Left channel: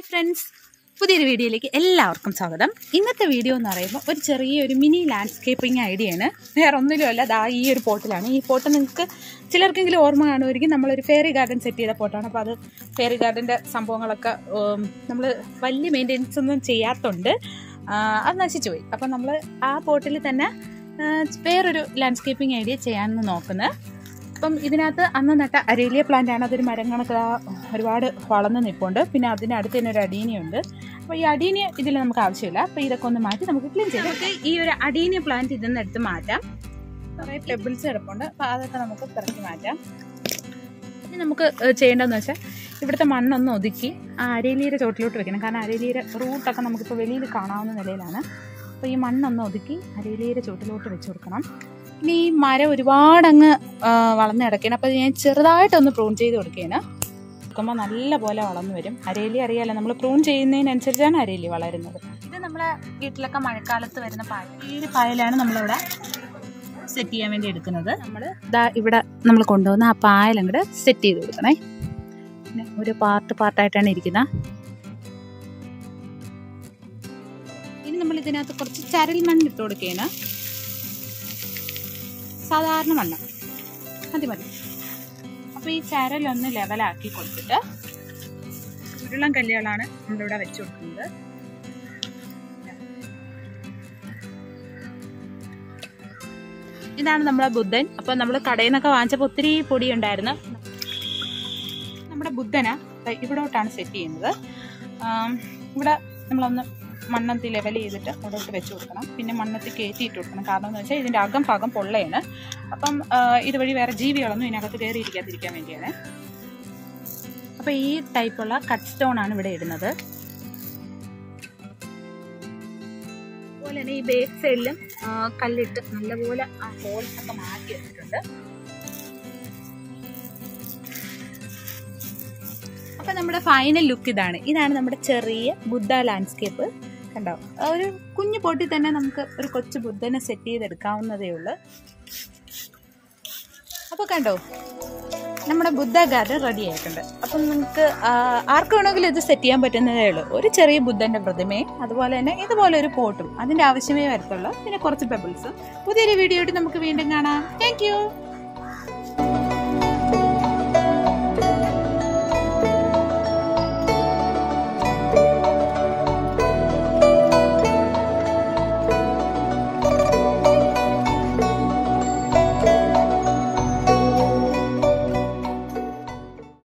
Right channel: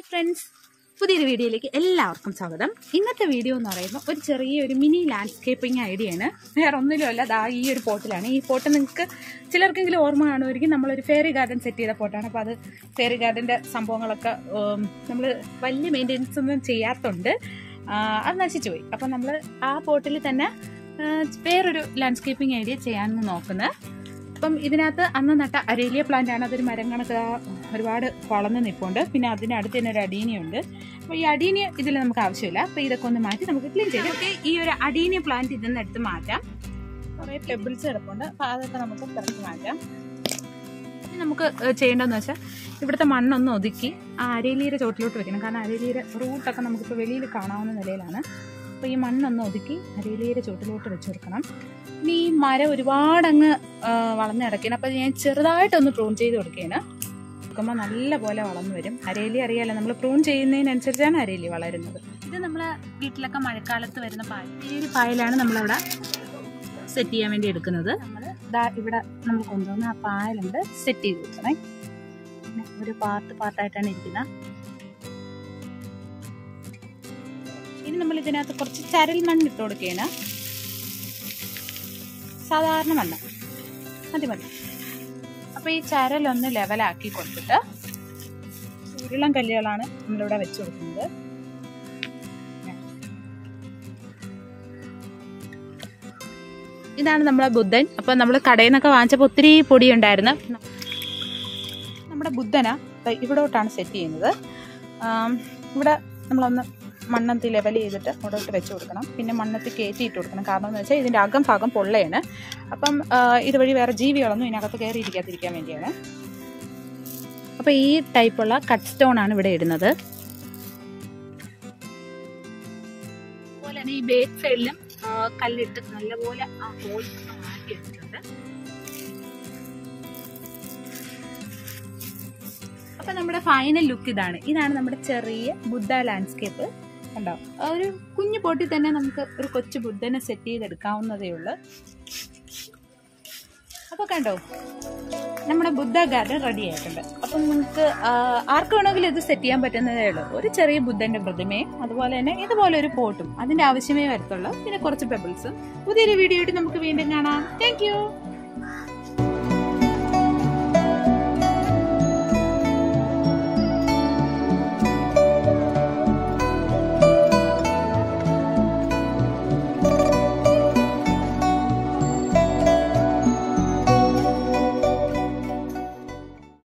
Hi friends, പുതിയൊരു വീഡിയോയിലേക്ക് എല്ലാവർക്കും സ്വാഗതം. ഇന്നത്തെ വീഡിയോ എന്ന് പറയുമ്പോൾ ഒരു ചെറിയൊരു മിനി ലാൻഡ്സ്കേപ്പിംഗ് ഐഡിയയാണ്. വേറെ ഒന്നിലുമല്ല, ദാ ഈ ഒരു പോട്ടിലാണ്. ഈ പോട്ട് നിങ്ങൾക്ക് ചിലർക്കെങ്കിലും ഓർമ്മ കാണുമായിരിക്കും. നമ്മളൊരു ഫെയറി ഗാർഡൻ സെറ്റ് ചെയ്ത പോട്ടാണ്. അപ്പോൾ അത് ഫെയറി ഗാർഡൻ്റെ സംഭവങ്ങളൊക്കെ നമ്മൾ വലിയ മെയിൻ്റെനൻസ് ഒന്നും ചെയ്യാത്തതുകൊണ്ട് അത് നശിച്ചു പോയി. അപ്പം നമ്മൾ ആ പോട്ടിൽ തന്നെ വേറൊരു ലാൻഡ്സ്കേപ്പിംഗ് ഐഡിയ ചെയ്യാമെന്ന് നോക്കുന്നത്. അപ്പം ഇതിനകത്ത് അന്ന് നട്ട അരേലിയ പ്ലാന്റ് ആണ്. അതൊരു മരം കണക്ക് ഒരുപാട് വളർന്ന് നിൽപ്പുണ്ട്. പിന്നെ അതിനടുത്ത് തന്നെ ഒരു അഡീനിയുണ്ട്. അപ്പോൾ ഈ അഡീനിയ ഇതിൽ നമുക്ക് ആവശ്യമില്ല. അപ്പോൾ ഇതൊക്കെ ഒന്ന് മാറ്റി നമുക്ക് ക്ലീൻ ചെയ്യാം. നമുക്ക് ഈ ഒരു അഡീനിയ പ്ലാന്റ് ഇതിൽ നിന്ന് എടുത്ത് മാറ്റാം. കുറേ പെബിൾസ് കിടപ്പുണ്ട്. അപ്പോൾ അതൊക്കെ നമുക്ക് പിറക്കി മാറ്റാം. ഇനി നമുക്ക് ചെയ്യേണ്ടതെന്ന് വെച്ചാൽ ഇവിടുത്തെ മണ്ണൊന്ന് ഒതുക്കി ആ അരേലിയുടെ ചോട്ടിലോട്ട് വെക്കണം. കാരണം അരേലിയുടെ റൂട്ടൊക്കെ നമുക്കിപ്പോൾ വെളിയിൽ കാണാവുന്ന നിലയിലാണ്. അപ്പോൾ ഈ മണ്ണൊന്ന് ഒതുക്കി അരേലിയുടെ ചോട്ടിലോട്ട് വെച്ച് കൊടുക്കണം. ഇനി ഈ മരം ഒരുപാടങ്ങ് വളർന്ന് കിടക്കണം. അപ്പോൾ ഞാൻ ചെറുതായിട്ടൊന്ന് പ്രൂൺ ചെയ്ത് കൊടുക്കുകയാണ്. കൊടുക്കുമ്പോൾ നല്ല പോലെ വളർന്നു വരും. അരേലി അറിയാമല്ലോ, നമ്മൾ പ്രൂൺ ചെയ്യുന്നതിനനുസരിച്ചാണ് അരേലി വളരുന്നത്. ഇത് നമ്മളെ വീട്ടിലൊക്കെ മഴക്കാലത്ത് വരുന്ന പായൽ. ഈ ഒരു പായലാണ് നമ്മളിവിടെ സെറ്റ് ചെയ്യാൻ വേണ്ടി എടുക്കുന്നത്. നമ്മൾ ഇവിടെ നമ്മൾ കൊണ്ടുവന്ന് ആ പായൽ അങ്ങോട്ട് സെറ്റ് ചെയ്ത് കൊടുക്കണേ. പിന്നെ ഒരു പാർട്ടായിട്ടാണ് ഇരിക്കുന്നത്. ഇനി നമ്മൾ ഇതിനകത്ത് കുറച്ച് ചരൽ മണ്ണ് ഇട്ട് കൊടുക്കുകയാണ്. സാധാരണ മണ്ണ് മതി. അപ്പോൾ ഈ ചരലൊന്ന് ലെവലാക്കി കൊടുത്തിട്ട് ഉരുളൻ കല്ലുകളാണ് നമ്മളിവിടെ വെച്ച് കൊടുക്കുന്നത്. ഇതാണ് നമ്മളെ ബുദ്ധൻ. അപ്പോൾ നമ്മൾ കടയിൽ നിന്നൊക്കെ വാങ്ങിച്ചപ്പോൾ ഒത്തിരി പൊടി ഉണ്ടായിരുന്നു. നമ്മുടെ ബുദ്ധനെ ഇവിടോട്ടാണ് സെറ്റ് ചെയ്യുന്നത്. ഇവിടെ നമ്മളൊന്ന് മണ്ണത്തി ലെവൽ ചെയ്തിട്ട് അവിടോട്ട് വെച്ച് കൊടുക്കണം. പിന്നെ മണ്ണത്തി കയറ്റിയിട്ട് കൊടുക്കണം. കാരണം എന്ന് വെച്ചാൽ ഇതിൻ്റെ അകം ഭാഗം പൊള്ളയാണ്. അപ്പം ഇതുവഴി വേറെ ജീവികളൊന്നും ഇതിനകത്ത് കയറിയിരിക്കാതിരിക്കാൻ വേണ്ടിയാണ്. അപ്പോൾ ഈ ടൈപ്പുള്ള കട്ട് സ്റ്റോൺ ആണ് ഇവിടെ ഇടുന്നത്. അതുപോലെ തന്നെ ഈ ബേക്ക് സൈഡിലും കല്ലിട്ട് നല്ലപോലെ ആ ഹോൾസ് ഒക്കെ മാറ്റി വെച്ചിട്ടുണ്ട്. അപ്പോൾ നമ്മുടെ ഫൈനൽ ലുക്ക് ഇതാണ് നമ്മുടെ ചെറിയ ബുദ്ധ ലാൻഡ്സ്കേപ്പ്. കണ്ടോ, ഒരു കുഞ്ഞു പൊട്ടി തന്നെ നമുക്ക് ഒരു കൊച്ചു ബുദ്ധനെ സെറ്റ് ചെയ്തെടുക്കാവുന്നതേ ഉള്ളൂ. അപ്പോൾ കണ്ടോ, നമ്മുടെ ബുദ്ധ ഗാർഡൻ റെഡി ആയിട്ടുണ്ട്. അപ്പം നിങ്ങൾക്ക് ആർക്ക് വേണമെങ്കിലും ഇത് സെറ്റ് ചെയ്യാൻ പറ്റുന്നതേ ഉള്ളൂ. ഒരു ചെറിയ ബുദ്ധൻ്റെ പ്രതിമയും അതുപോലെ തന്നെ ഇതുപോലെ ഒരു പോട്ടും അതിൻ്റെ ആവശ്യമേ വരത്തുള്ളൂ. പിന്നെ കുറച്ച് പെബിൾസും. പുതിയൊരു വീഡിയോ ആയിട്ട് നമുക്ക് വീണ്ടും കാണാം. താങ്ക്